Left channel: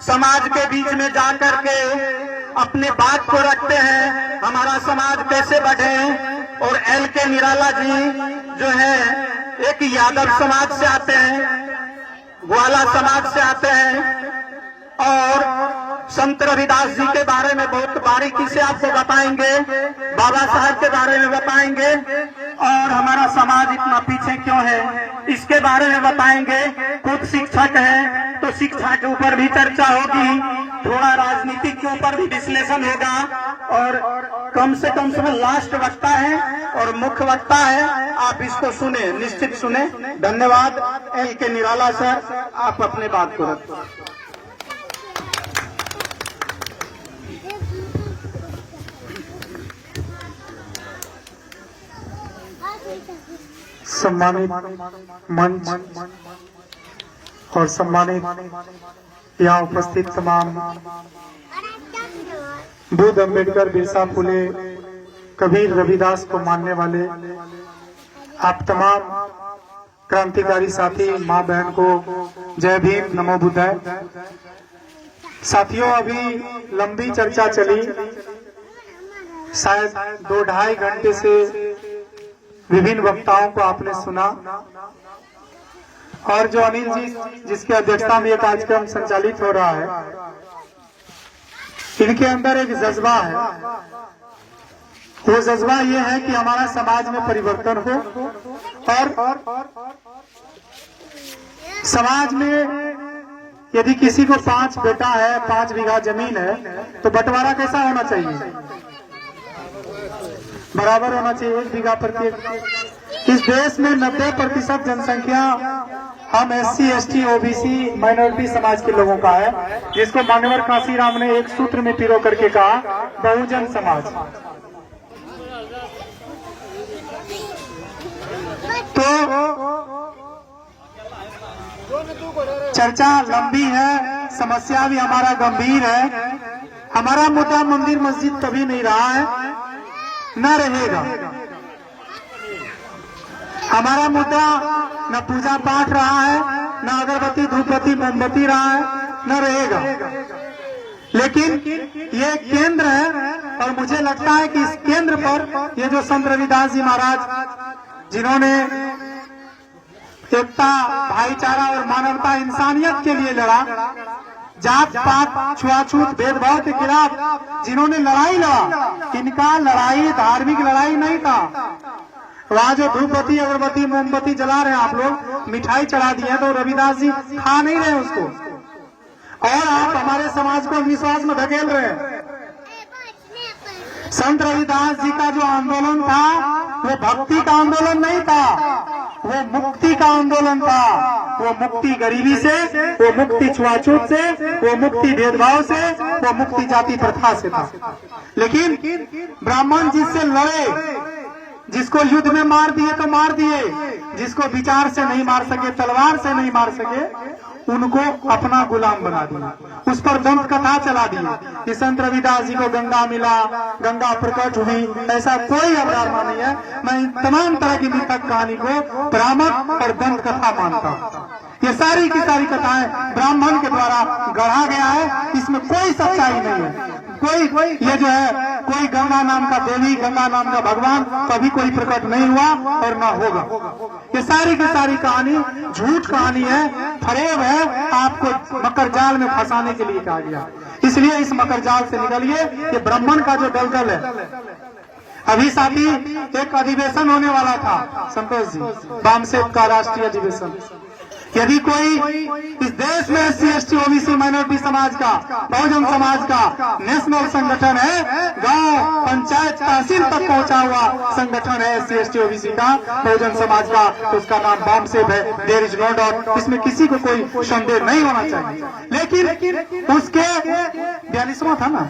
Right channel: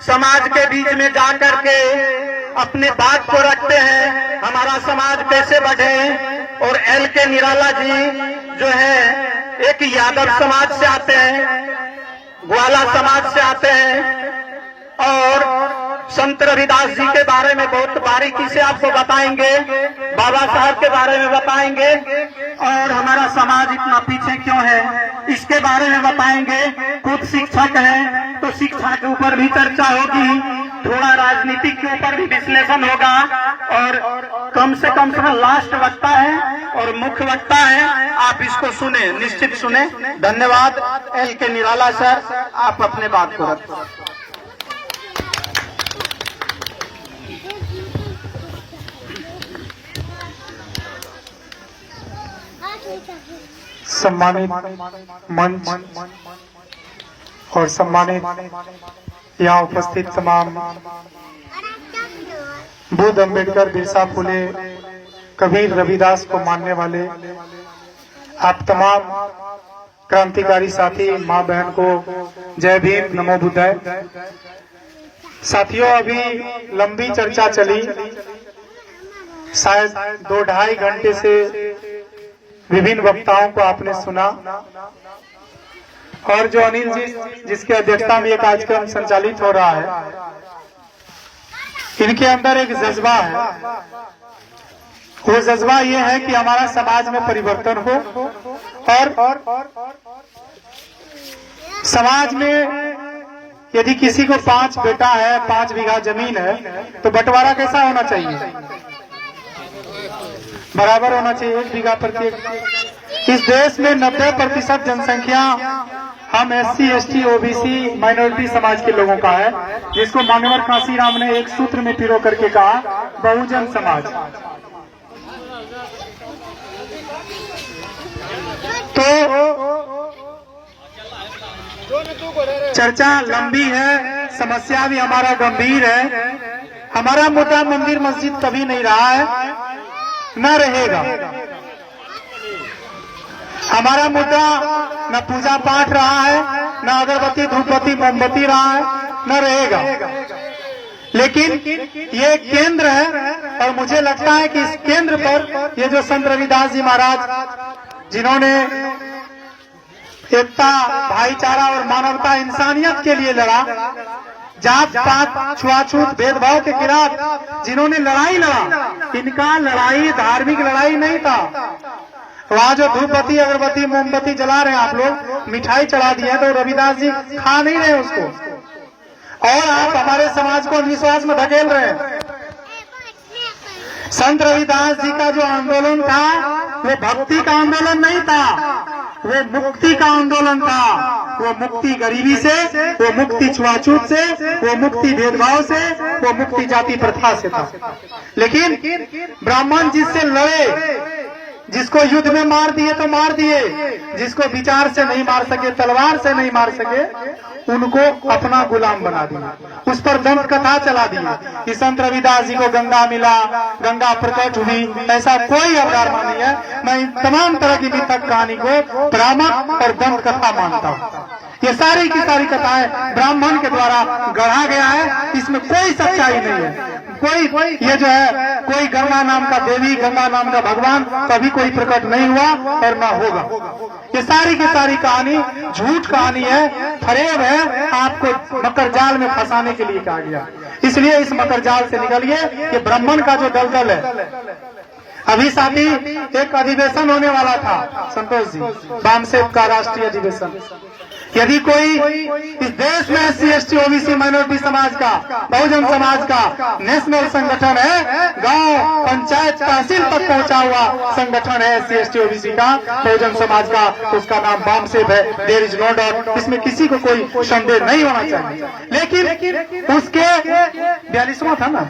समाज के बीच में जाकर के अपने बात को रखते हैं, हमारा समाज कैसे बढ़े। और एल के निराला जी जो है एक यादव समाज से आते हैं, ग्वाला समाज से आते हैं और संत रविदास जी के बारे में बहुत बारीकी से आपको बताएंगे, बाबा साहब के बारे में बताएंगे और हमारा समाज इतना पीछे क्यों है इसके बारे में बताएंगे। खुद शिक्षक है तो शिक्षा के ऊपर भी चर्चा होगी, थोड़ा राजनीति के ऊपर भी विश्लेषण होगा और कम से कम लास्ट वक्ता है और मुख्य वक्ता है, आप इसको सुने, निश्चित सुने। धन्यवाद। एल के निराला सर, आप अपने बात को रखें। सम्मानित मंच और सम्मानित यहाँ उपस्थित तमाम बुद्ध, अम्बेडकर, बिरसा फुले, कबीर, रविदास को मानने वाले आप तमाम क्रांतिकारी साथी, माँ बहन को जय भीम, नमो बुद्धाय। साथियों, अभी लंबी चर्चा चली, शायद 2-2.5 घंटे से विभिन्न वक्ताओं को आपने सुना और जो अनिल जी जिसकी अध्यक्षता में यह कार्यक्रम संचालित हो रहा है, इनके अंदर एक जज्बा है। वो जज्बा ये है कि हमारा समाज में परिवर्तन हो और समाज में यदि किसी को 5 बेटा है, 5 बीघा जमीन है, तो बंटवारा कैसा होना चाहिए? बराबर होना चाहिए, 1 बीघा प्रत्येक। इस देश में 90% जनसंख्या हम SC, ST, OBC, माइनॉरिटी समाज के लोगों का है, जिसको मानवर कांसीराम ने एक सूत्र में पिरो करके कहा, बहुजन समाज। तो चर्चा लंबी है, समस्या भी हमारा गंभीर है। हमारा मुद्दा मंदिर मस्जिद कभी नहीं रहा है, न रहेगा। हमारा मुद्दा न पूजा पाठ रहा है, न अगरबत्ती, धूपबत्ती, मोमबत्ती रहा है, न रहेगा। लेकिन ये केंद्र है और मुझे लगता है कि इस केंद्र पर ये जो संत रविदास जी महाराज, जिन्होंने एकता, भाईचारा और मानवता, इंसानियत के लिए लड़ा, जात पात, छुआछूत, भेदभाव के खिलाफ जिन्होंने लड़ाई लड़ा, इनका लड़ाई धार्मिक लड़ाई नहीं था। वहां जो धूपबत्ती, अगरबत्ती, मोमबत्ती जला रहे हैं आप लोग, मिठाई चढ़ा दी है, तो रविदास जी खा नहीं रहे उसको, और आप हमारे समाज को विश्वास में ढकेल रहे हैं। संत रविदास जी का जो आंदोलन था वो भक्ति का आंदोलन नहीं था, वो मुक्ति का आंदोलन था। वो मुक्ति गरीबी से, वो मुक्ति छुआछूत से, वो मुक्ति भेदभाव से, वो मुक्ति जाति प्रथा से था। लेकिन ब्राह्मण जिससे लड़े, जिसको युद्ध में मार दिए तो मार दिए, जिसको विचार से नहीं मार सके, तलवार से नहीं मार सके, उनको अपना गुलाम बना दिया, उस पर दंत कथा चला दी कि संत रविदास जी को गंगा मिला, गंगा प्रकट हुई, ऐसा कोई अवधारणा नहीं है। मैं इन तमाम तरह की मिथक कहानी को भ्रामक और दंत कथा मानता हूँ। ये सारी की सारी कथाएं ब्राह्मण के द्वारा गढ़ा गया है, इसमें कोई सच्चाई नहीं है। कोई ये जो है, कोई गंगा नाम का देवी, गंगा नाम का भगवान कभी कोई प्रकट नहीं हुआ और न होगा। ये सारी की सारी कहानी झूठ कहानी है, फरेब है, आपको मकर जाल में फंसाने के लिए कहा गया। इसलिए इस मकर जाल से निकलिए। ये ब्राह्मण का जो दलदल है, अभी साथी एक अधिवेशन होने वाला था, संतोष जी, बामसेब का राष्ट्रीय अधिवेशन। यदि कोई इस देश में SC, ST, OBC, माइनॉरिटी समाज का, बहुजन समाज का नेशनल संगठन है, गांव, पंचायत, तहसील तक पहुंचा हुआ संगठन है SC, ST, OBC का, बहुजन समाज का, तो उसका नाम बामसेब है। देयर इज नो डाउट, इसमें किसी को कोई संदेह नहीं होना चाहिए। लेकिन उसके 42वां था ना,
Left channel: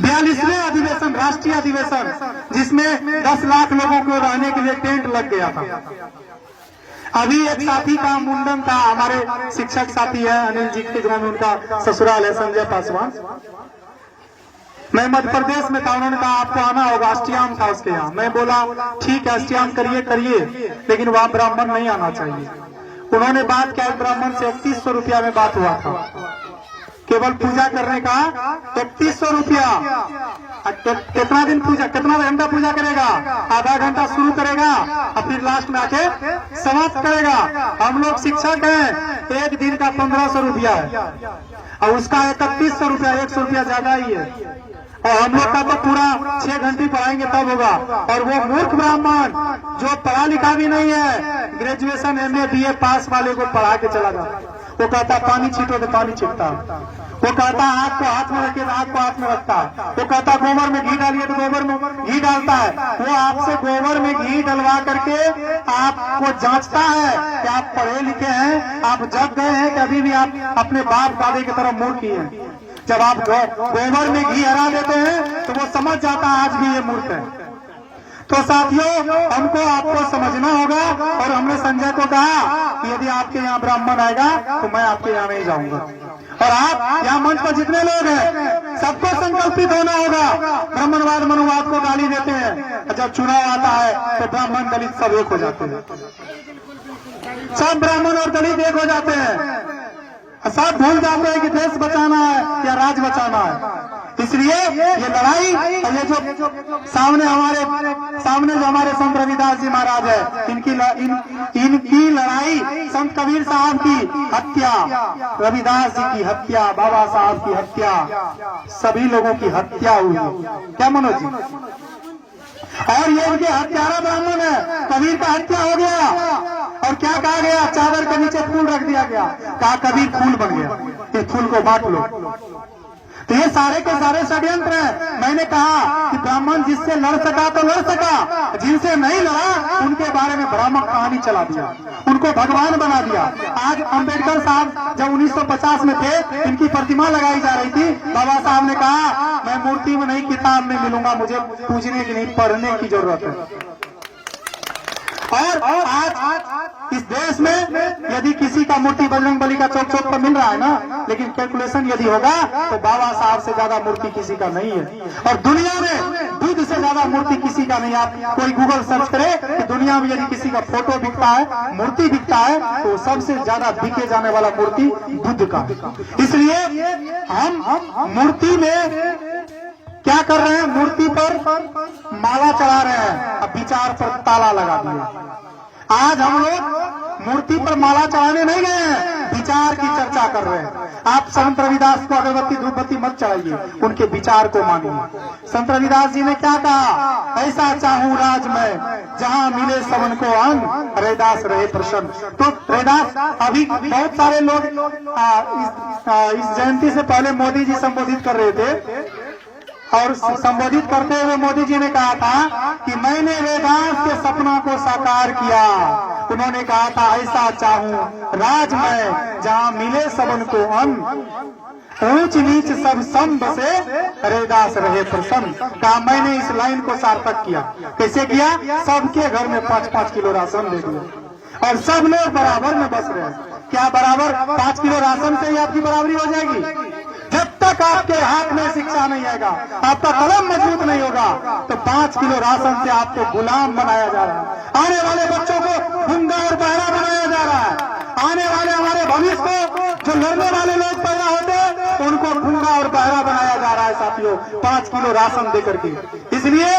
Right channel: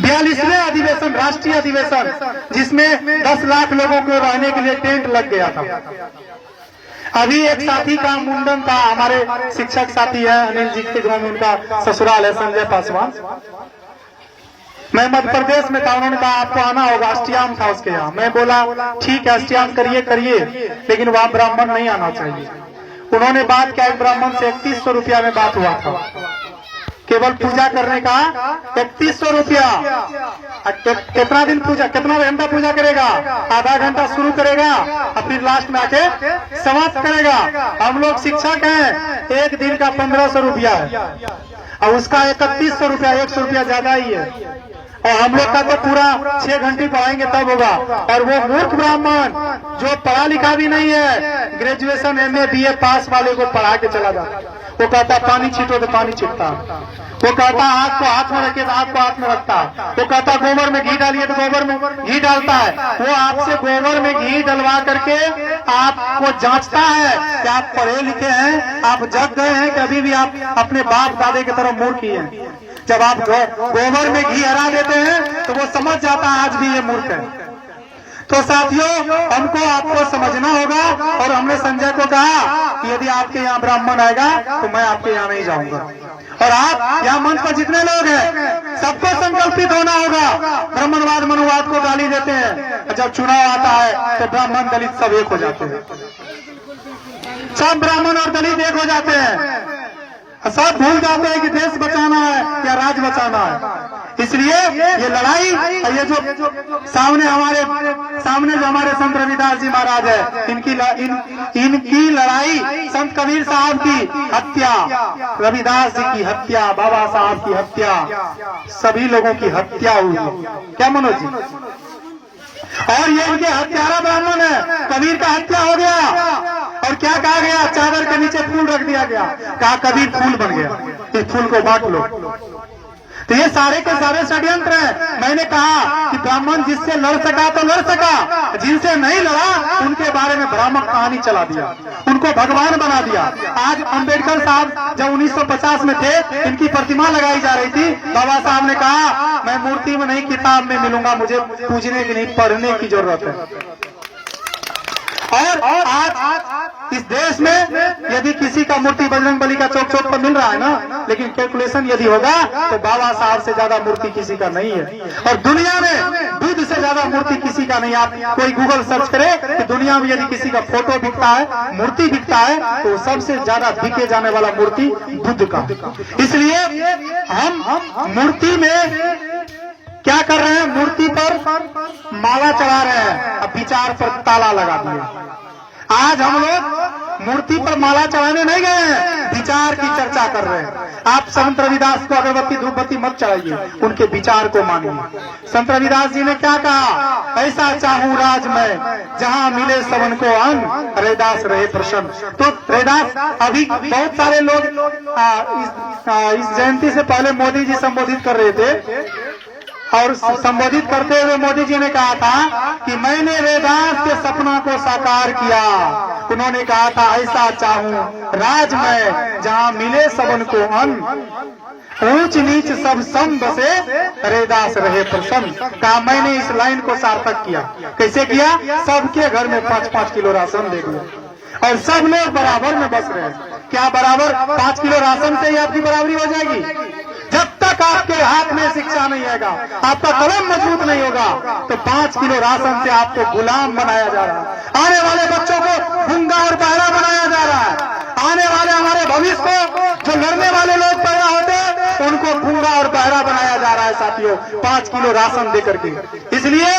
42वें अधिवेशन, राष्ट्रीय अधिवेशन, जिसमें 10 लाख लोगों को रहने के लिए टेंट लग गया था। अभी एक साथी का मुंडन था, हमारे शिक्षक साथी है अनिल जी के गांव में, उनका ससुराल है, संजय पासवान। मैं मध्य प्रदेश में था, उन्होंने कहा आपको आना होगा, अष्टयाम था उसके यहाँ। मैं बोला ठीक है, अष्टयाम करिए, लेकिन वहां ब्राह्मण नहीं आना चाहिए। उन्होंने बात किया, एक ब्राह्मण से 3100 रुपया में बात हुआ था, केवल पूजा करने का 3100 रुपया। कितना दिन पूजा, कितना घंटा पूजा करेगा? आधा घंटा शुरू करेगा और फिर लास्ट में आके समाप्त करेगा। हम लोग शिक्षक हैं, एक दिन का 1500 रुपया है और उसका 3100 रुपया, 100 रुपया ज्यादा ही है। और हम लोग का तो पूरा 6 घंटे पढ़ाएंगे तब होगा। और वो मूर्ख ब्राह्मण जो पढ़ा लिखा भी नहीं है, ग्रेजुएशन MA BA पास वाले को पढ़ा के चला जाता, वो कहता पानी छीटो तो पानी छीटता, वो कहता आग को हाथ में रखिए तो आग को हाथ में रखता, वो कहता गोबर में घी डालिए तो गोबर में घी डालता है। वो आपसे गोबर में घी डलवा करके आपको जांचता है कि आप पढ़े लिखे हैं, आप जग गए हैं कि अभी भी आप अपने बाप दादे की तरफ मूर्ख ही हैं। जब आप गोबर में घी हरा देते हैं तो वो समझ जाता है आज भी ये मूर्ख है। तो साथियों, हमको आपको समझना होगा। और हमने संजय को कहा कि यदि आपके यहाँ ब्राह्मण आएगा तो मैं आपके यहाँ नहीं जाऊंगा। और आप यहाँ मंच पर जितने लोग हैं सबको संकल्पित होना होगा। ब्राह्मणवाद मनुवाद को गाली देते हैं, जब चुनाव आता है तो ब्राह्मण दलित सब एक हो जाते हैं, सब ब्राह्मण और दलित एक हो जाते हैं, सब भूल जाते हैं कि देश बचाना है या राज बचाना है। इसलिए ये लड़ाई, ये जो सामने जो हमारे संत रविदास जी महाराज है, इनकी लड़ाई, संत कबीर साहब की हत्या, रविदास जी की हत्या, बाबा साहब की हत्या, सभी लोगों की हत्या हुई है। क्या मनोज जी? और ये इनके हत्यारा ब्राह्मण है। कबीर का हत्या हो गया और क्या कहा गया? चादर के नीचे फूल रख दिया गया, कहा कबीर फूल बन गया, इस फूल को बांट लो। तो ये सारे के सारे षड्यंत्र हैं। मैंने कहा कि ब्राह्मण जिससे लड़ सका तो लड़ सका, जिनसे नहीं लड़ा उनके बारे में भ्रामक कहानी चला दिया, उनको भगवान बना दिया। आज अंबेडकर साहब जब 1950 में थे, इनकी प्रतिमा लगाई जा रही थी, बाबा साहब ने कहा मैं मूर्ति में नहीं किताब में मिलूंगा, मुझे पूजने की नहीं पढ़ने की जरूरत है। और आज इस देश में यदि किसी का मूर्ति बजरंगबली का चौक चौक पर मिल रहा है ना, लेकिन कैलकुलेशन यदि होगा तो बाबा साहब से ज्यादा मूर्ति किसी का नहीं है। और दुनिया में बुद्ध से ज्यादा मूर्ति किसी का नहीं। आप कोई गूगल सर्च करे कि दुनिया में यदि किसी का फोटो बिकता है, मूर्ति बिकता है, तो सबसे ज्यादा बिके जाने वाला मूर्ति बुद्ध का। इसलिए हम मूर्ति में क्या कर रहे हैं? मूर्ति पर माला चढ़ा रहे हैं, अब विचार पर ताला लगा दिया। आज हम लोग मूर्ति पर माला चढ़ाने नहीं गए हैं, विचार की चर्चा कर रहे हैं। आप संत रविदास को अगरबत्ती धूपबत्ती मत चढ़ाइए, उनके विचार को मानिए। संत रविदास जी ने क्या कहा? ऐसा चाहूं राज में जहां मिले सबन को अन्न, रविदास रहे प्रसन्न। तो रविदास, अभी बहुत सारे लोग इस जयंती से पहले मोदी जी संबोधित कर रहे थे, और संबोधित करते हुए मोदी जी ने कहा था कि मैंने रविदास के सपना को साकार किया। उन्होंने कहा था ऐसा चाहूं राज में जहां मिले सबन को अन्न, ऊंच नीच सब सम बसे, रविदास रहे प्रसन्न। कहा मैंने इस लाइन को सार्थक किया। कैसे किया? सबके घर में 5-5 किलो राशन दे दिया और सब लोग बराबर में बस रहे। क्या बराबर? 5 किलो राशन से ही आपकी बराबरी हो जाएगी? जब तक आपके हाथ में शिक्षा नहीं आएगा, आपका कलम मजबूत नहीं होगा, तो 5 किलो राशन से आपको गुलाम बनाया जा रहा है। आने वाले बच्चों को गूंगा और बहरा बनाया जा रहा है। आने वाले हमारे भविष्य को जो लड़ने वाले लोग पैदा होते हैं उनको गूंगा और बहरा बनाया जा रहा है साथियों, 5 किलो राशन देकर के। इसलिए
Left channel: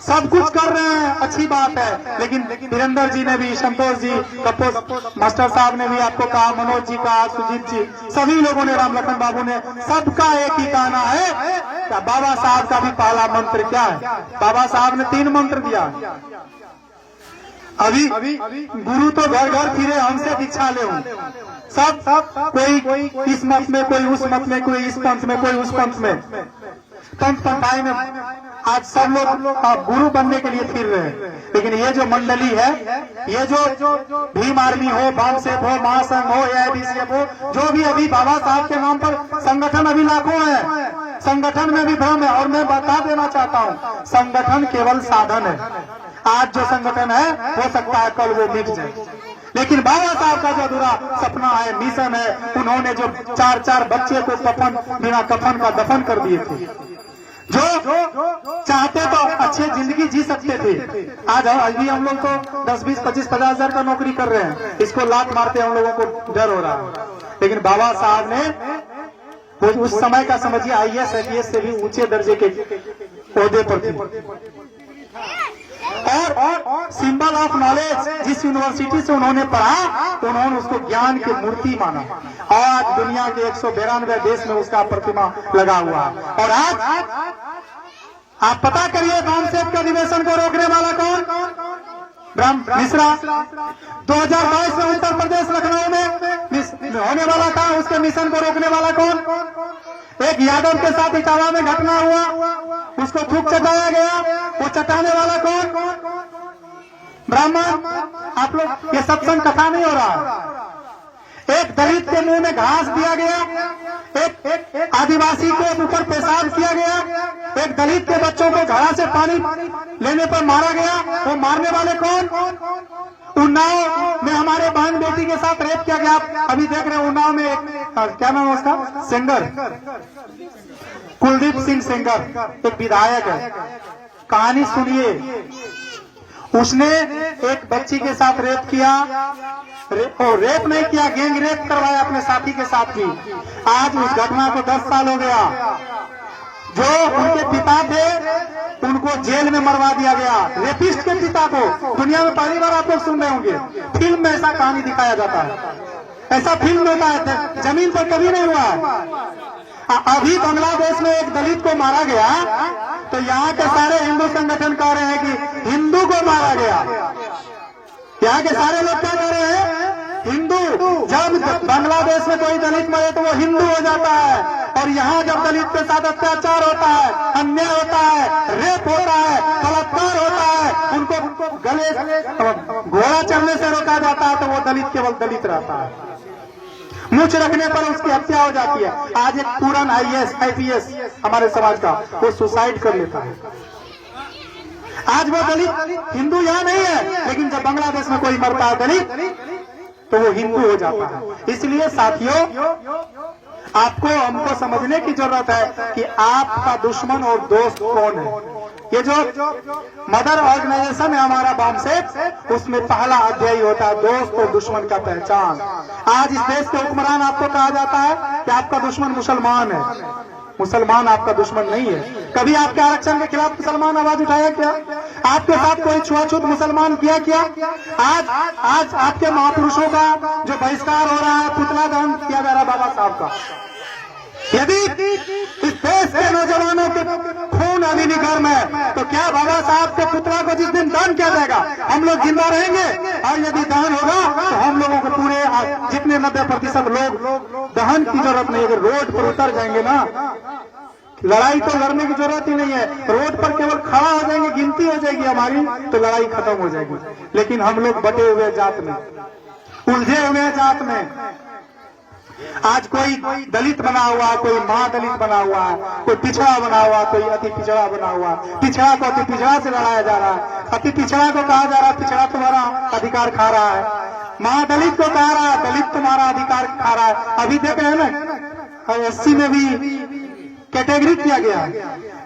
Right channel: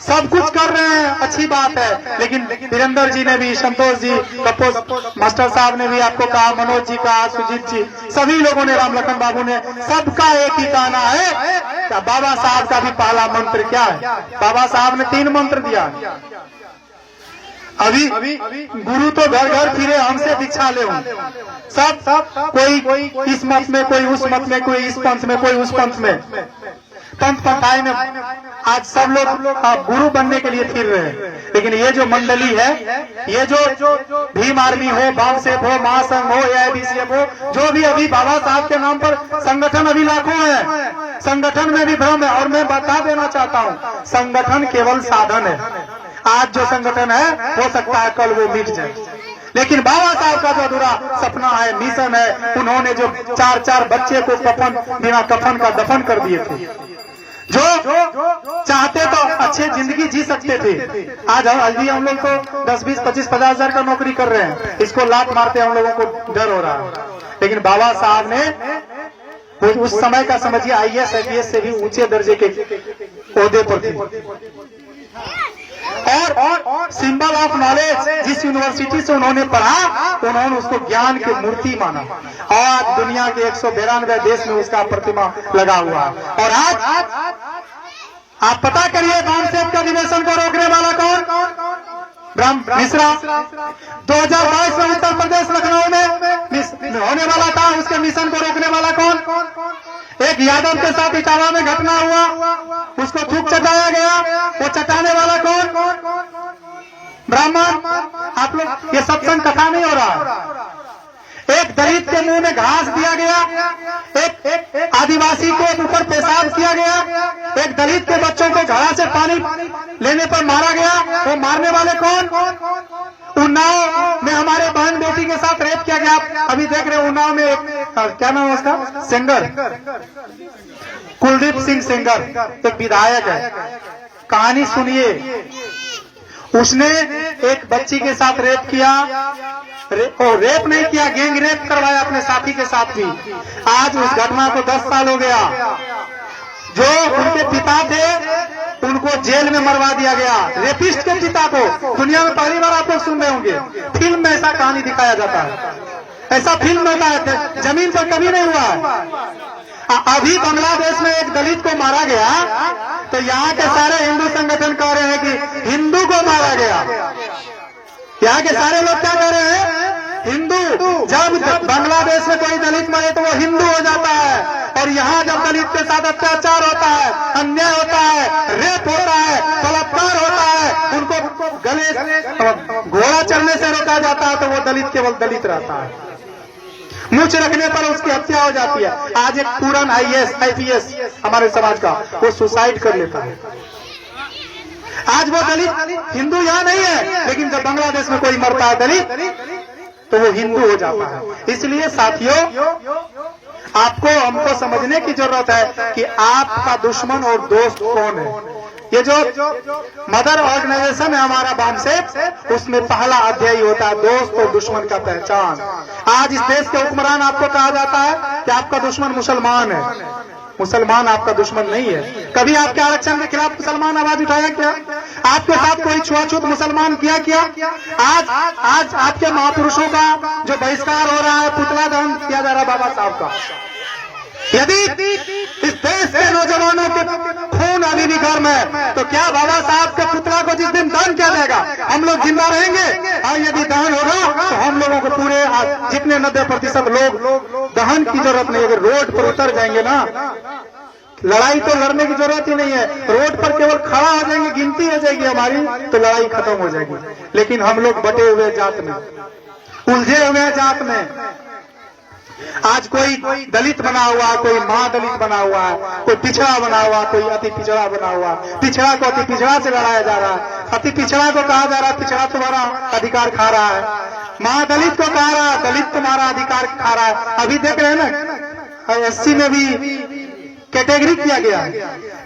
सब कुछ कर रहे हैं, अच्छी बात है, लेकिन वीरेंद्र जी ने भी, संतोष जी, कपोस मास्टर साहब ने भी आपको कहा, मनोज जी कहा, सुजीत जी, सभी लोगों ने, राम लखन बाबू ने, सबका एक ही कहना है। बाबा साहब का भी पहला मंत्र क्या है? बाबा साहब ने 3 मंत्र दिया। अभी गुरु तो घर घर फिरे हमसे दीक्षा ले, सब कोई इस मत में, कोई उस मत में, कोई इस पंथ में, कोई उस पंथ में, पंथ पंथाई में। आज सब लोग गुरु बनने के लिए फिर रहे हैं। लेकिन ये जो मंडली है, ये जो भीम आर्मी हो, बाम सेफ हो, महासंघ हो, AIBCF हो, जो भी अभी बाबा साहब के नाम पर संगठन अभी लाखों है, संगठन में भी भ्रम है। और मैं बता देना चाहता हूँ, संगठन केवल साधन है। आज जो संगठन है हो सकता है कल वो मिट जाए, लेकिन बाबा साहब का जो अधूरा सपना है, मिशन है, उन्होंने जो 4-4 बच्चे को बिना कफन का दफन कर दिए थे, जो चाहते तो अच्छी जिंदगी जी सकते थे। आज हम लोग तो 10, 20, 25, 50 हजार का नौकरी कर रहे हैं, इसको लात मारते हम लोगों को डर हो रहा है। लेकिन बाबा साहब ने उस समय का समझिए IAS IPS से भी ऊंचे दर्जे के ओहदे पर थे। और सिंबल ऑफ नॉलेज, जिस यूनिवर्सिटी से उन्होंने पढ़ा उन्होंने उसको ज्ञान की मूर्ति माना। आज दुनिया के 192 देश में उसका प्रतिमा लगा हुआ है। और आज आप पता करिए कामसेप के अधिवेशन को रोकने वाला कौन? ब्रह्म मिश्रा। 2022 में उत्तर प्रदेश लखनऊ में होने वाला था, उसके मिशन को रोकने वाला कौन? एक यादव के साथ इटावा में घटना हुआ, उसको थूक चटाया गया, वो चटाने वाला कौन? ब्राह्मण। आप लोग, ये सत्संग कथा नहीं हो रहा है। एक दलित के मुंह में घास दिया गया, एक आदिवासी को ऊपर पेशाब किया गया, एक दलित के बच्चों को घड़ा से पानी लेने पर मारा गया। वो मारने वाले कौन? उन्नाव में हमारे बहन बेटी के साथ रेप किया गया। अभी देख रहे हैं उन्नाव में एक, क्या नाम है उसका, सेंगर, कुलदीप सिंह सेंगर, एक विधायक है। कहानी सुनिए, उसने एक बच्ची के साथ रेप किया, रेप नहीं किया, गैंग रेप करवाया अपने साथी के साथ भी। आज उस घटना को 10 साल हो गया। जो उनके पिता थे उनको जेल में मरवा दिया गया। रेपिस्ट के पिता को दुनिया में पहली बार आप लोग सुन रहे होंगे, फिल्म में ऐसा कहानी दिखाया जाता है। ऐसा फिल्म होता है, जमीन पर कभी नहीं हुआ है। अभी बांग्लादेश में एक दलित को मारा गया तो यहाँ के सारे हिंदू संगठन कह रहे हैं कि हिंदू को मारा गया। यहाँ के सारे लोग क्या कह रहे हैं? हिंदू। जब बांग्लादेश में कोई दलित मरे तो वो हिंदू हो जाता है, और यहाँ जब दलित के साथ अत्याचार होता है, अन्याय होता है, रेप होता है, बलात्कार होता है, उनको गले घोड़ा चढ़ने से रोका जाता है, तो वो दलित केवल दलित रहता है। मूछ रखने पर उसकी हत्या हो जाती है। आज एक पूरन IAS IPS हमारे समाज का, वो सुसाइड कर लेता है। आज वो दलित हिंदू यहाँ नहीं है, लेकिन जब बांग्लादेश में कोई मरता है दलित तो वो हिंदू हो जाता है। इसलिए साथियों, आपको हमको समझने की जरूरत है कि आपका दुश्मन और दोस्त कौन है। ये जो मदर ऑर्गेनाइजेशन है हमारा बामसेप, उसमें पहला अध्याय होता है दोस्त और दुश्मन का पहचान। आज इस देश के हुक्मरान आपको कहा जाता है कि आपका दुश्मन मुसलमान है। मुसलमान आपका दुश्मन नहीं है। कभी आपके आरक्षण के खिलाफ मुसलमान आवाज उठाया क्या? आपके साथ कोई छुआछूत मुसलमान किया? आज आपके महापुरुषों का जो बहिष्कार हो रहा है, पुतला दहन किया जा रहा है बाबा साहब का। यदि इस देश के नौजवानों के खून अभी गर्म है तो क्या बाबा साहब के पुतला को जिस दिन दहन किया जाएगा हम लोग जिंदा रहेंगे? और यदि दहन होगा तो हम लोगों को पूरे जितने 90% लोग दहन की जरूरत नहीं। अगर रोड पर उतर जाएंगे ना, लड़ाई तो लड़ने की जरूरत ही नहीं है। रोड पर केवल खड़ा हो जाएंगे, गिनती हो जाएगी हमारी, तो लड़ाई खत्म हो जाएगी। लेकिन हम लोग बटे हुए जात में, उलझे हुए जात में, आज कोई दलित बना हुआ, कोई महादलित बना हुआ, कोई पिछड़ा बना हुआ, कोई अति पिछड़ा बना हुआ। पिछड़ा को अति पिछड़ा से लड़ाया जा रहा है। अति पिछड़ा को कहा जा रहा है पिछड़ा तुम्हारा अधिकार खा रहा है। महादलित को कहा रहा है दलित तुम्हारा अधिकार खा रहा है। अभी देख रहे हैं ना, SC में भी कैटेगरी किया गया है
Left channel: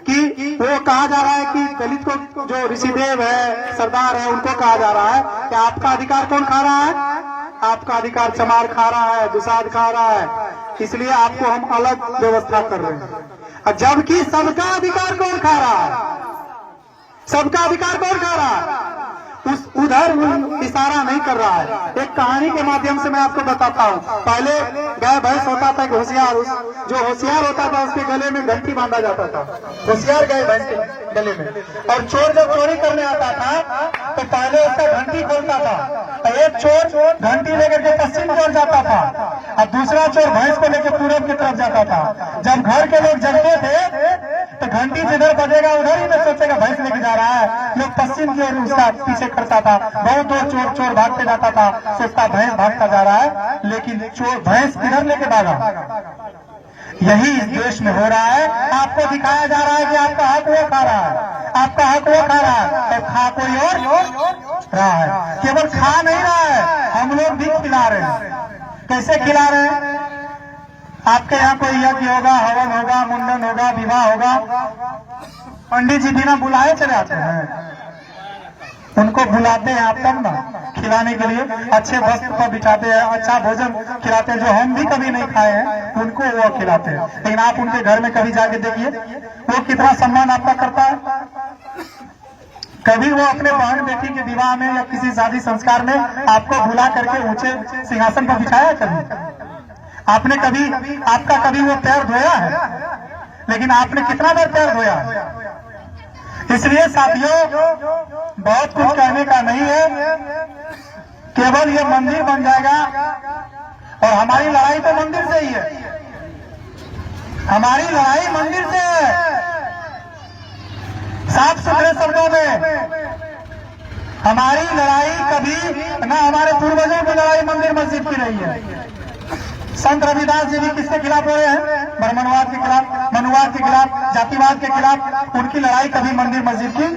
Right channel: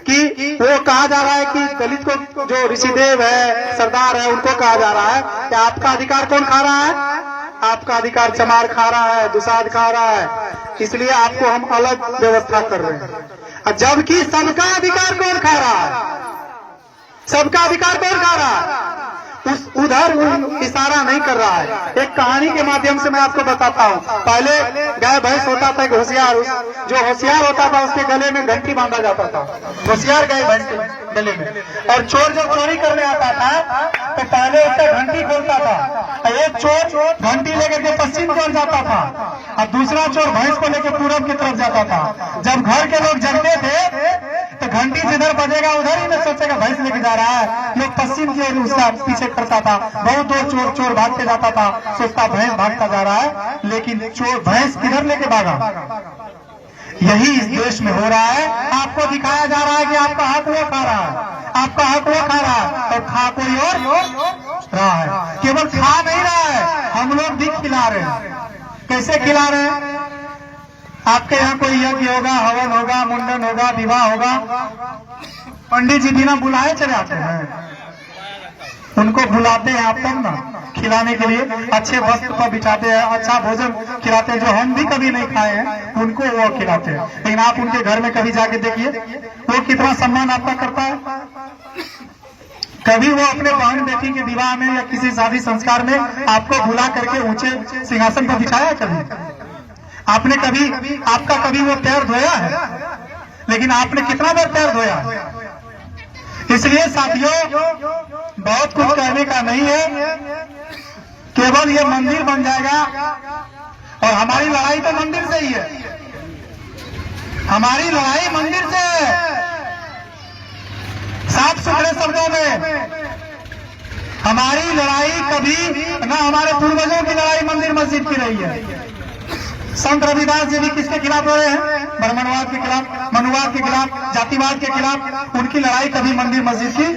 कि वो कहा जा रहा है कि दलित को जो ऋषिदेव है, सरदार है, उनको कहा जा रहा है कि आपका अधिकार कौन खा रहा है? आपका अधिकार चमार खा रहा है, दुसाध खा रहा है, इसलिए आपको हम अलग व्यवस्था कर रहे हैं। जबकि सबका अधिकार कौन खा रहा है? सबका अधिकार कौन खा रहा है? उधर इशारा नहीं कर रहा है। एक कहानी के माध्यम से मैं आपको बताता हूँ। पहले गाय भैंस होता था, होशियार, जो होशियार होता था उसके गले में घंटी बांधा जाता था, होशियार गाय भैंस के गले में। और चोर जब चोरी करने आता था तो पहले उसका घंटी बोलता था, और एक चोर घंटी लेकर के पश्चिम की ओर जाता था और दूसरा चोर भैंस को लेकर पूरब की तरफ जाता था। जब घर के लोग जगते थे तो घंटी जिधर बजेगा उधर ही में सोचेगा भैंस लेके जा रहा है, लोग पश्चिम की ओर उसका पीछे करता था। बहुत दूर चोर भागते जाता था, सोचता भैंस भागता जा रहा है, लेकिन चोर भैंस किधर लेके भागा? यही इस देश में हो रहा है। आपको दिखाया जा रहा है कि आपका हक वो खा रहा है, आपका हक वो खा रहा है, और खा कोई और रहा है। केवल खा नहीं रहा है, हम लोग भी खिला रहे हैं। कैसे खिला रहे हैं? आपके यहाँ कोई यज्ञ होगा, हवन होगा, मुंडन होगा, विवाह होगा, पंडित जी बिना बुलाए चले आते हैं। उनको बुलाते हैं आप तब ना, खिलाने के लिए अच्छे वस्त्र पर बिठाते हैं, अच्छा भोजन खिलाते हैं, जो हम भी कभी नहीं खाए हैं उनको वो खिलाते हैं। लेकिन आप उनके घर में कभी जाके देखिए वो कितना सम्मान आपका करता है। कभी वो अपने बहन बेटी के विवाह में या किसी शादी संस्कार में आपको बुला करके ऊंचे सिंहासन पर बिठाया? कभी आपने कभी आपका कभी वो पैर धोया है? लेकिन आपने कितना बार पैर धोया है? इसलिए साथियों बहुत कुछ कहने का नहीं है, केवल ये मंदिर बन जाएगा और हमारी लड़ाई तो मंदिर से ही है। हमारी लड़ाई मंदिर से है। साफ सुथरे शब्दों में हमारी लड़ाई कभी ना, हमारे पूर्वजों की लड़ाई मंदिर मस्जिद की रही है। संत रविदास जी भी किसके खिलाफ लड़े हैं? ब्राह्मणवाद के खिलाफ, मनुवाद के खिलाफ, जातिवाद के खिलाफ। उनकी लड़ाई कभी मंदिर मस्जिद की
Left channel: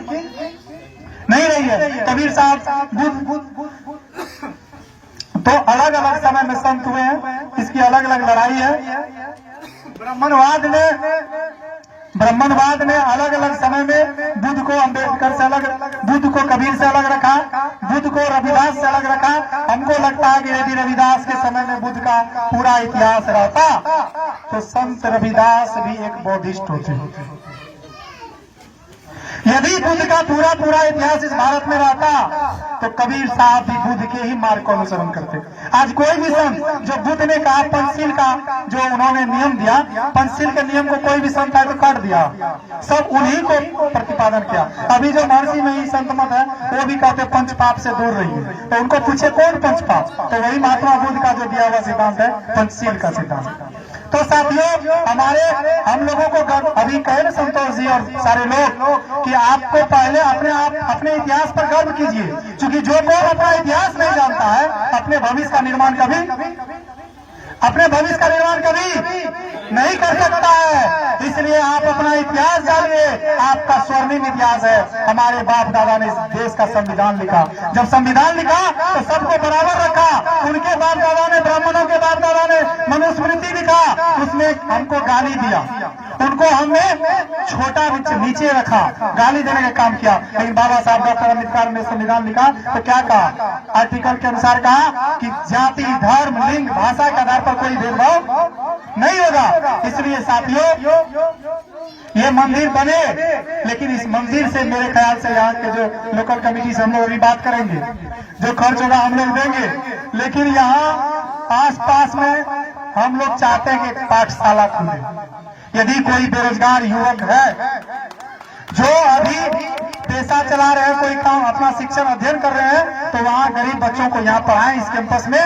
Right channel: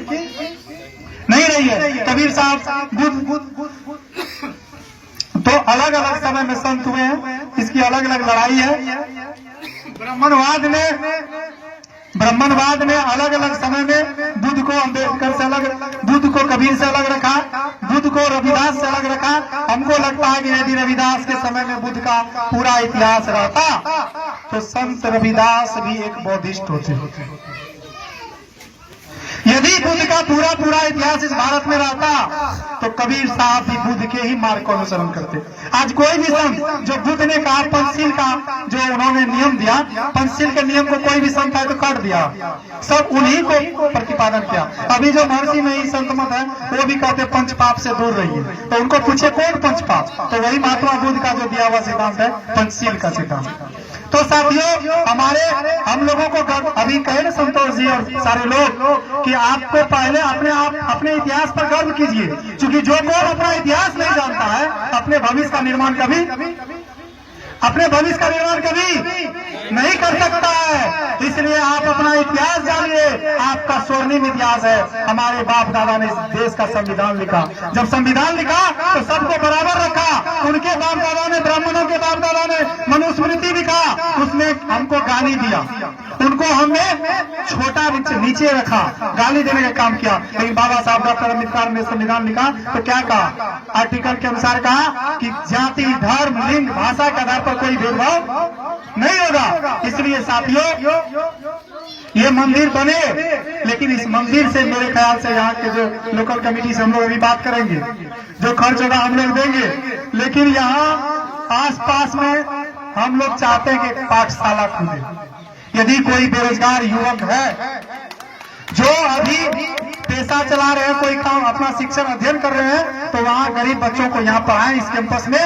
नहीं रही है। कबीर साहब, बुद्ध, तो अलग अलग समय में संत हुए हैं, इसकी अलग अलग लड़ाई है। ब्राह्मणवाद में अलग अलग समय में बुद्ध को अम्बेडकर से अलग, बुद्ध को कबीर से अलग रखा, बुद्ध को रविदास से अलग रखा। हमको लगता है कि यदि रविदास के समय में बुद्ध का पूरा इतिहास रहता तो संत रविदास भी एक बौद्धिस्ट होते। यदि बुद्ध का पूरा इतिहास इस भारत में रहता तो कबीर साहब भी बुद्ध के ही मार्ग को अनुसरण करते। आज कोई भी संत जो बुद्ध ने कहा, पंचशील का जो उन्होंने नियम दिया, पंचशील के नियम को कोई भी संत है तो काट दिया, सब उन्हीं को प्रतिपादन किया। अभी जो महर्षि में ही संत मत है वो भी कहते पंच पाप से दूर रहिए, तो उनको पूछे कौन पंच पाप? तो वही महात्मा बुद्ध का जो दिया हुआ सिद्धांत है, पंचशील का सिद्धांत। तो साथियों हम लोगों को अभी कहे ना संतोष जी और सारे लोग कि आपको पहले अपने इतिहास पर गर्व कीजिए, क्योंकि जो कोई अपना इतिहास नहीं जानता है अपने भविष्य का निर्माण कभी नहीं कर सकता है। इसलिए आप अपना इतिहास जानिए। आपका स्वर्णिम इतिहास है। हमारे बाप दादा ने इस देश का संविधान लिखा। जब संविधान लिखा तो सबको बराबर रखा। उनके बाप दादा ने, ब्राह्मणों के बाप दादा ने मनुस्मृति लिखा, उसने हमको गाली दिया, उनको हमने छोटा नीचे रखा, गाली देने का काम किया। लेकिन बाबा साहब डॉक्टर अम्बेडकर ने संविधान लिखा तो क्या कहा? आर्टिकल के अनुसार कहा कि जाति, धर्म, लिंग, भाषा के आधार पर कोई भेदभाव नहीं होगा। इसलिए साथियों ये मंदिर बने, लेकिन इस मंदिर से मेरे ख्याल से यहाँ के जो लोकल कमेटी से हम लोग अभी बात करेंगे, जो खर्च होगा हम लोग देंगे। लेकिन यहाँ आसपास में हम लोग चाहते हैं कि एक पाठशाला खुले। यदि कोई बेरोजगार युवक है जो अभी पैसा चला रहे हैं, कोई काम अपना शिक्षण अध्ययन कर रहे हैं, तो वहाँ गरीब बच्चों को यहाँ पढ़ाएं इस कैंपस में,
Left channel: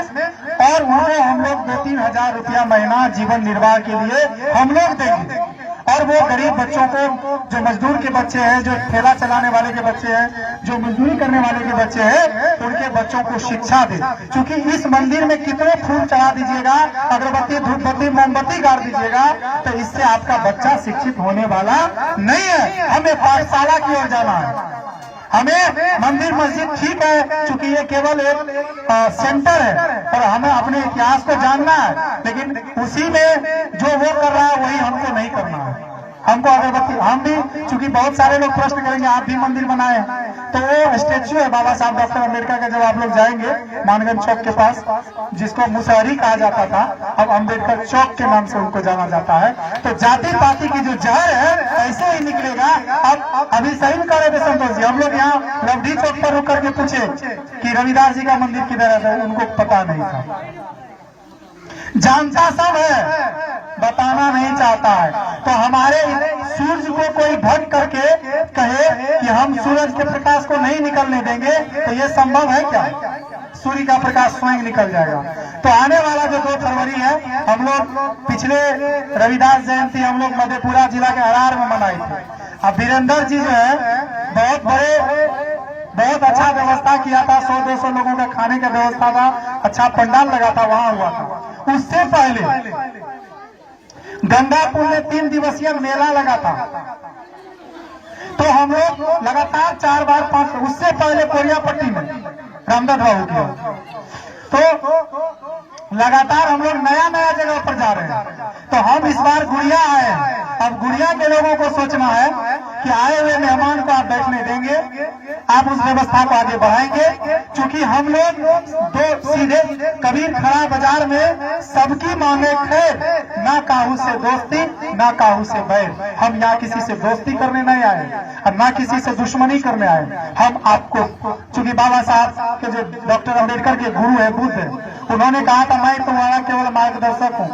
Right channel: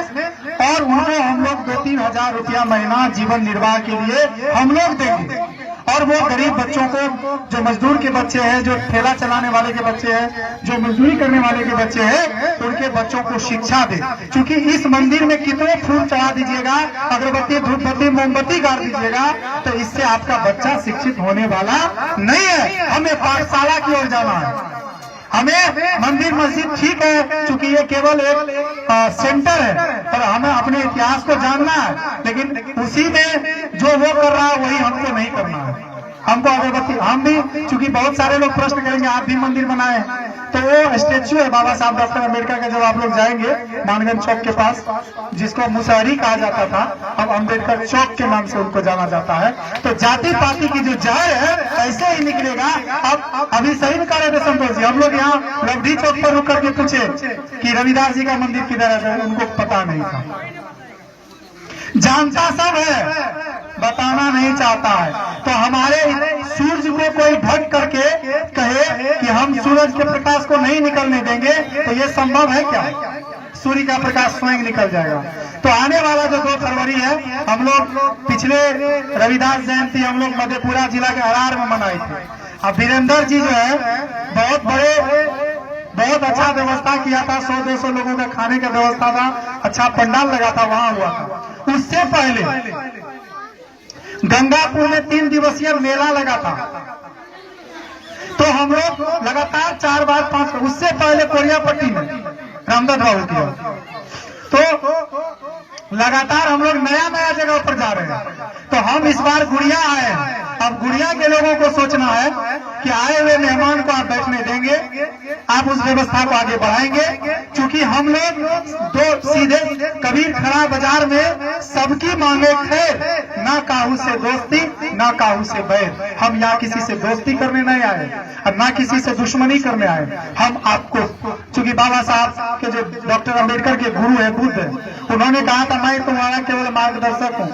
और उनको हम लोग 2-3 हजार रुपया महीना जीवन निर्वाह के लिए हम लोग देंगे। और वो गरीब बच्चों को, जो मजदूर के बच्चे हैं, जो ठेला चलाने वाले के बच्चे हैं, जो मजदूरी करने वाले के बच्चे हैं, उनके बच्चों को शिक्षा दे। क्योंकि इस मंदिर में कितने फूल चढ़ा दीजिएगा, अगरबत्ती, धूपबत्ती, मोमबत्ती गाड़ दीजिएगा, तो इससे आपका बच्चा शिक्षित होने वाला नहीं है। हमें पाठशाला की ओर जाना है। हमें मंदिर मस्जिद ठीक है, क्योंकि ये केवल एक सेंटर है, पर हमें अपने इतिहास को जानना है। लेकिन उसी में जो वो कर रहा है वही हमको नहीं करना है। हमको अगरबत्ती, हम भी, क्योंकि बहुत सारे लोग प्रश्न करेंगे आप भी मंदिर बनाए, तो वो स्टेच्यू है बाबा साहब डॉक्टर अम्बेडकर का। जब आप लोग जाएंगे मानगंज चौक के पास, जिसको मुसहरी कहा जाता था, अब अम्बेडकर चौक के नाम से उनको जाना जाता है। तो जाति पाति की जो जड़ है ऐसे ही निकलेगा। अब अभी सही में करे थे संतोष जी, हम लोग यहाँ लवधी चौक पर रुक करके पूछे कि रविदास जी का मंदिर किधर है, उनको पता नहीं था। जानता सब है, बताना नहीं चाहता है। तो हमारे सूरज को कोई ढक करके कहे कि हम सूरज के प्रकाश को नहीं निकलने देंगे, तो ये संभव है क्या? सूर्य का प्रकाश स्वयं निकल जाएगा। तो आने वाला जो 2 फरवरी है, हम लोग पिछले रविदास जयंती हम लोग मधेपुरा जिला के हरार में मनाए थे। अब वीरेंद्र जी जो है बहुत अच्छा व्यवस्था किया था, 100-200 लोगों का खाने का व्यवस्था था, अच्छा पंडाल लगा था, वहां हुआ था। उससे पहले गंगापुर में 3 दिवसीय मेला लगा था, तो हम लोग लगातार 4 बार 5, उससे पहले कोलियापट्टी में रामदास बाबू किया, तो लगातार हम लोग नया जगह पर जा रहे हैं। तो हम इस बार गुड़िया आए हैं। अब गुड़िया के लोगों को सोचना है कि आए हुए मेहमान को आप बैठने देंगे, आप उस व्यवस्था को आगे बढ़ाएंगे। क्योंकि हम लोग दो सीधे कबीर खड़ा बाजार में सबकी मांगे खैर, ना काहू से दोस्ती ना काहू से बैर। हम यहाँ किसी से दोस्ती करने नहीं आए और ना किसी से दुश्मनी करने आए। हम आपको, चूंकि बाबा साहब के जो डॉक्टर अम्बेडकर के गुरु है, बुद्ध है, उन्होंने कहा था मैं तुम्हारा केवल मार्गदर्शक हूँ,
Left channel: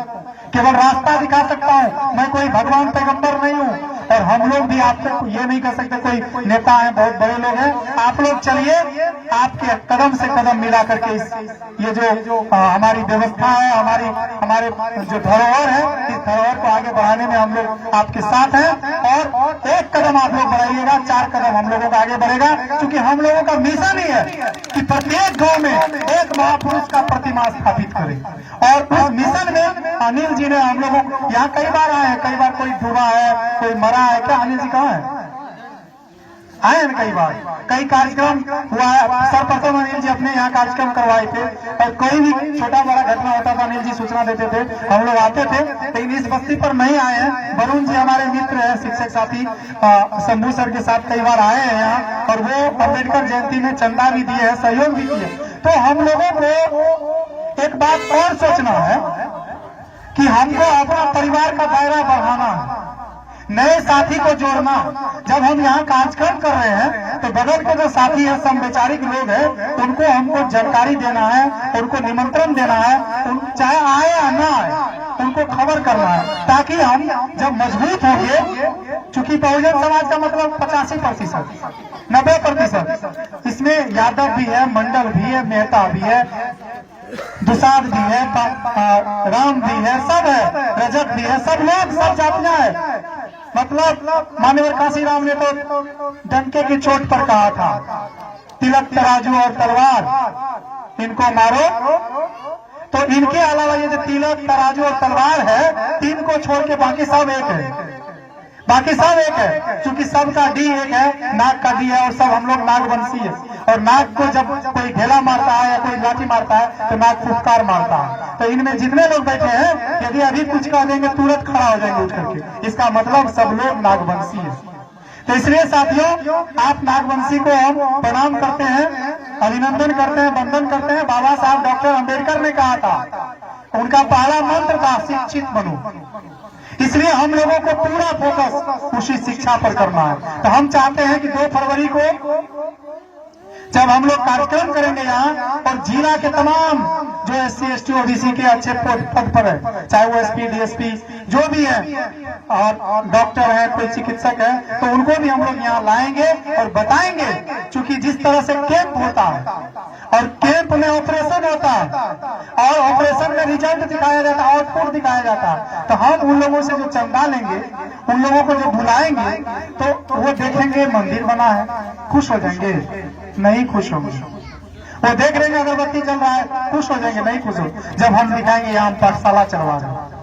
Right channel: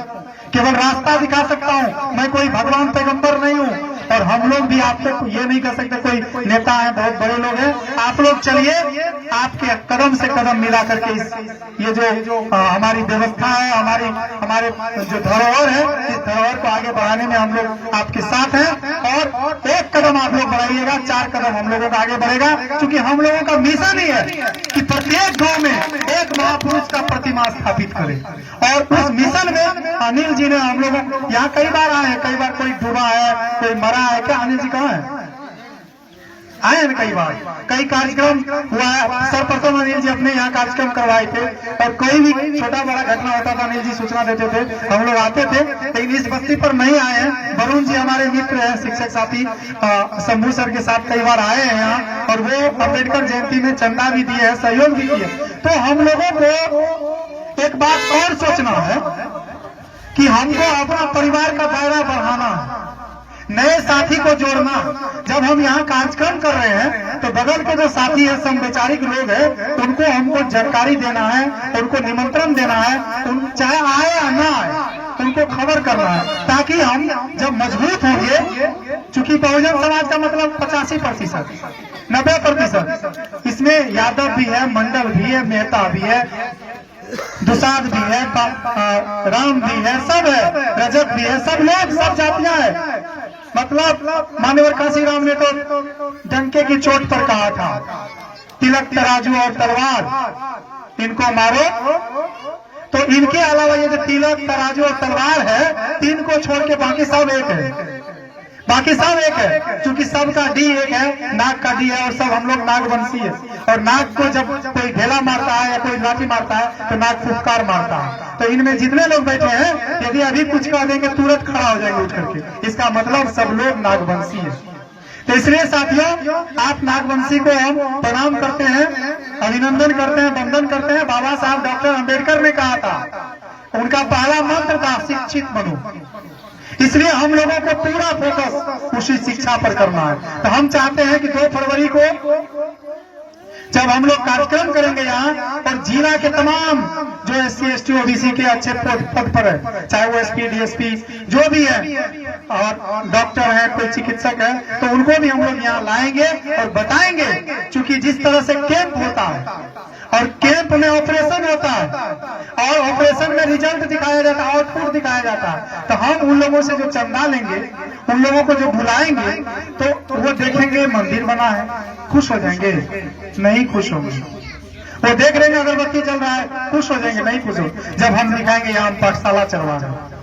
केवल रास्ता दिखा सकता हूँ, मैं कोई भगवान पैगंबर नहीं हूँ। और हम लोग भी आप तक ये नहीं कर सकते, कोई नेता है, बहुत बड़े लोग हैं, आप लोग चलिए, आपके कदम से कदम मिला करके ये जो हमारी व्यवस्था है, हमारे जो धरोहर है, इस धरोहर को आगे बढ़ाने में हम लोग आपके साथ हैं। और एक कदम आप लोग बढ़ाइएगा, 4 कदम हम लोगों का आगे बढ़ेगा। क्योंकि हम लोगों का मिशन ही है कि प्रत्येक गांव में एक महापुरुष का प्रतिमा स्थापित करें। और उस मिशन में अनिल जी ने हम लोगों यहाँ कई बार आए हैं, कई बार कोई डूबा है, कोई मरा है। क्या अनिल जी कहाँ है? आए हैं कई बार, कई कार्यक्रम हुआ है। सर्वप्रथम अनिल जी अपने यहाँ कार्यक्रम करवाए थे और कोई भी छोटा बड़ा घटना होता था अनिल जी सूचना देते थे, हम लोग आते थे। लेकिन इस बस्ती पर नहीं आए हैं। वरुण जी हमारे मित्र हैं, शिक्षक साथी, शंभू सर के साथ कई बार आए हैं यहाँ, और वो अम्बेडकर जयंती में चंदा भी दिए हैं, सहयोग भी किए। तो हम लोगों को एक बात और सोचना है कि हमको अपना परिवार का दायरा बढ़ाना है, नए साथी को जोड़ना। जब हम यहाँ कार्यक्रम कर रहे हैं तो बगल के जो साथी हैं, समविचारिक लोग हैं, उनको हमको जानकारी देना है, उनको निमंत्रण देना है, चाहे आए या ना आए, उनको खबर करना है, ताकि हम जब मजबूत होंगे। चूंकि बहुजन समाज का मतलब 85%, 90%, इसमें यादव भी है, मंडल भी है, मेहता भी है, दुसाद भी है, राम भी है, सब है, रजक भी है, सब लोग, सब जातियां है। मतलब मान्यवर काशीराम ने तो डंके की चोट पर कहा था, तिलक तराजू और तलवार इनको मारो। तो इनके अलावा ये जो तिलक तराजू और तलवार है, 3 को छोड़ के बाकी सब एक है, बाकी सब एक है। क्योंकि सबका डी एक है, नाग का डी है, और सब हम लोग नागवंशी है। और नाग को जब कोई ढेला मारता है या कोई लाठी मारता है तो नाग फुफकार मारता है। तो इनमें जितने लोग बैठे हैं, यदि अभी कुछ कह देंगे तुरंत खड़ा हो जाएंगे उठ करके। इसका मतलब सब लोग नागवंशी है। तो इसलिए साथियों, आप नागवंशी को हम प्रणाम करते हैं, अभिनंदन करते हैं, वंदन करते हैं। बाबा साहब डॉक्टर अम्बेडकर ने कहा था, उनका पहला मंत्र था शिक्षित बनो। इसलिए हम लोगों को पूरा फोकस उसी शिक्षा पर करना है। तो हम चाहते हैं कि 2 फरवरी को जब हम लोग कार्यक्रम करेंगे यहाँ, और जिला के तमाम जो SC ST OBC के अच्छे पद पर है, चाहे वो SP DSP जो भी है, और डॉक्टर है, कोई चिकित्सक है, तो उनको भी हम लोग यहाँ लाएंगे और बताएंगे। क्योंकि जिस तरह से कैंप होता है और कैंप में ऑपरेशन होता है और ऑपरेशन में रिजल्ट दिखाया जाता है, आउटपुट दिखाया जाता है, तो हम उन लोगों से जो चंदा लेंगे, उन लोगों को जो बुलाएंगे, तो वो देखेंगे मंदिर बना है, खुश हो जाएंगे? नहीं खुश होंगे। वो देख रहे हैं अगरबत्ती चल रहा है, खुश हो जाएंगे? नहीं खुश हो। जब हम दिखाएंगे यहाँ पाठशाला चलवा रहे हैं,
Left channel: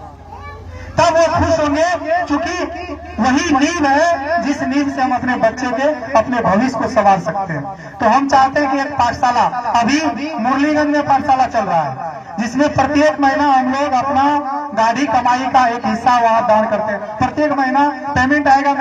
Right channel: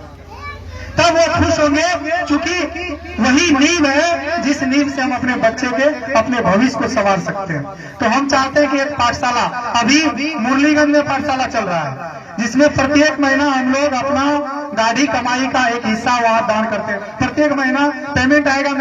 तब वो खुश होंगे। क्योंकि वही नींव है जिस नींव से हम अपने बच्चे के, अपने भविष्य को संवार सकते हैं। तो हम चाहते हैं कि एक पाठशाला, अभी मुरलीगंज में पाठशाला चल रहा है, जिसमें प्रत्येक महीना हम लोग अपना गाड़ी कमाई का एक हिस्सा वहाँ दान करते हैं। प्रत्येक महीना पेमेंट आएगा।